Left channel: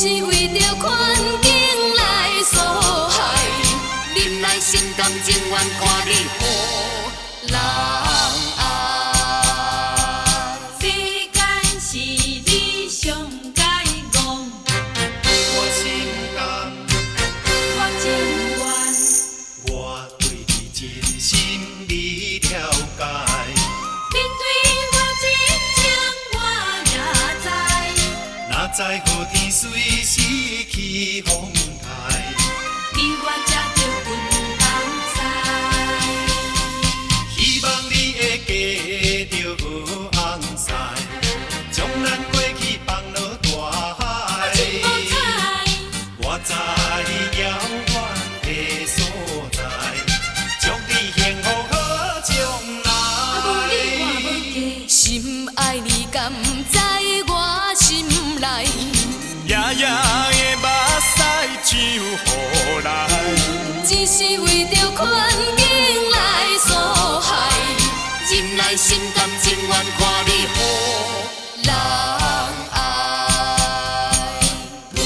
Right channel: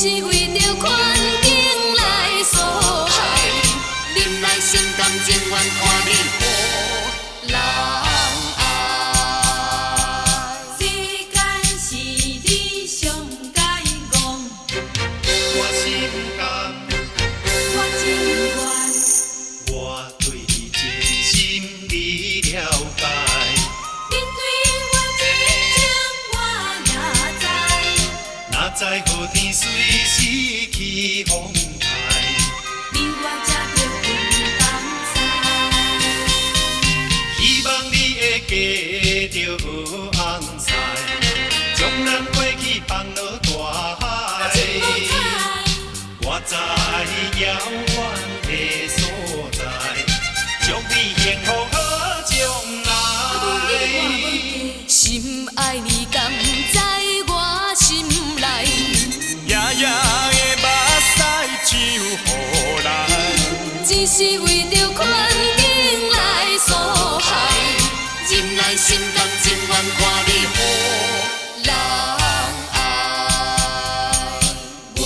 是为着环境来所害，忍耐心甘情愿看你予人爱。世间是你上该讲，我心甘，我情愿，我对你真心你了解。因为我真情我也知，哪知雨天随时起风台，比我才着分东西。希望你会记着红彩，将咱过去放落大海。我知遥远的所在，祝你幸福好将来。心爱你甘在我心内，夜夜的目屎像雨来，只是为着环境来所害，忍耐心甘情愿看你予人爱。我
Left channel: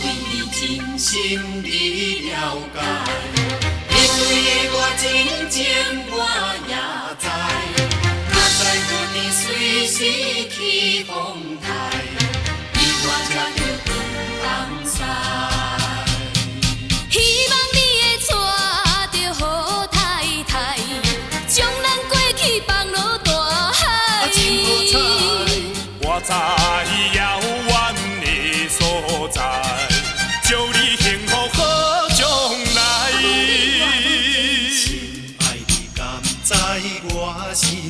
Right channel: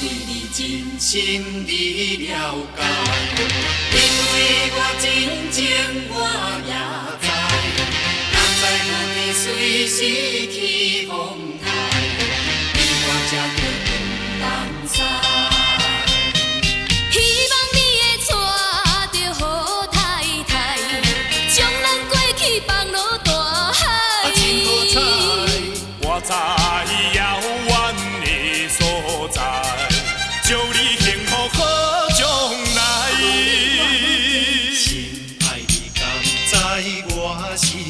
对你真心里了解，因为我真情我也知，哪知有天随时起风台，比我才着分东西。希望你会娶着好太太，将咱过去放落大海。我在遥远的所在，祝你幸福好将来。心爱你甘在我心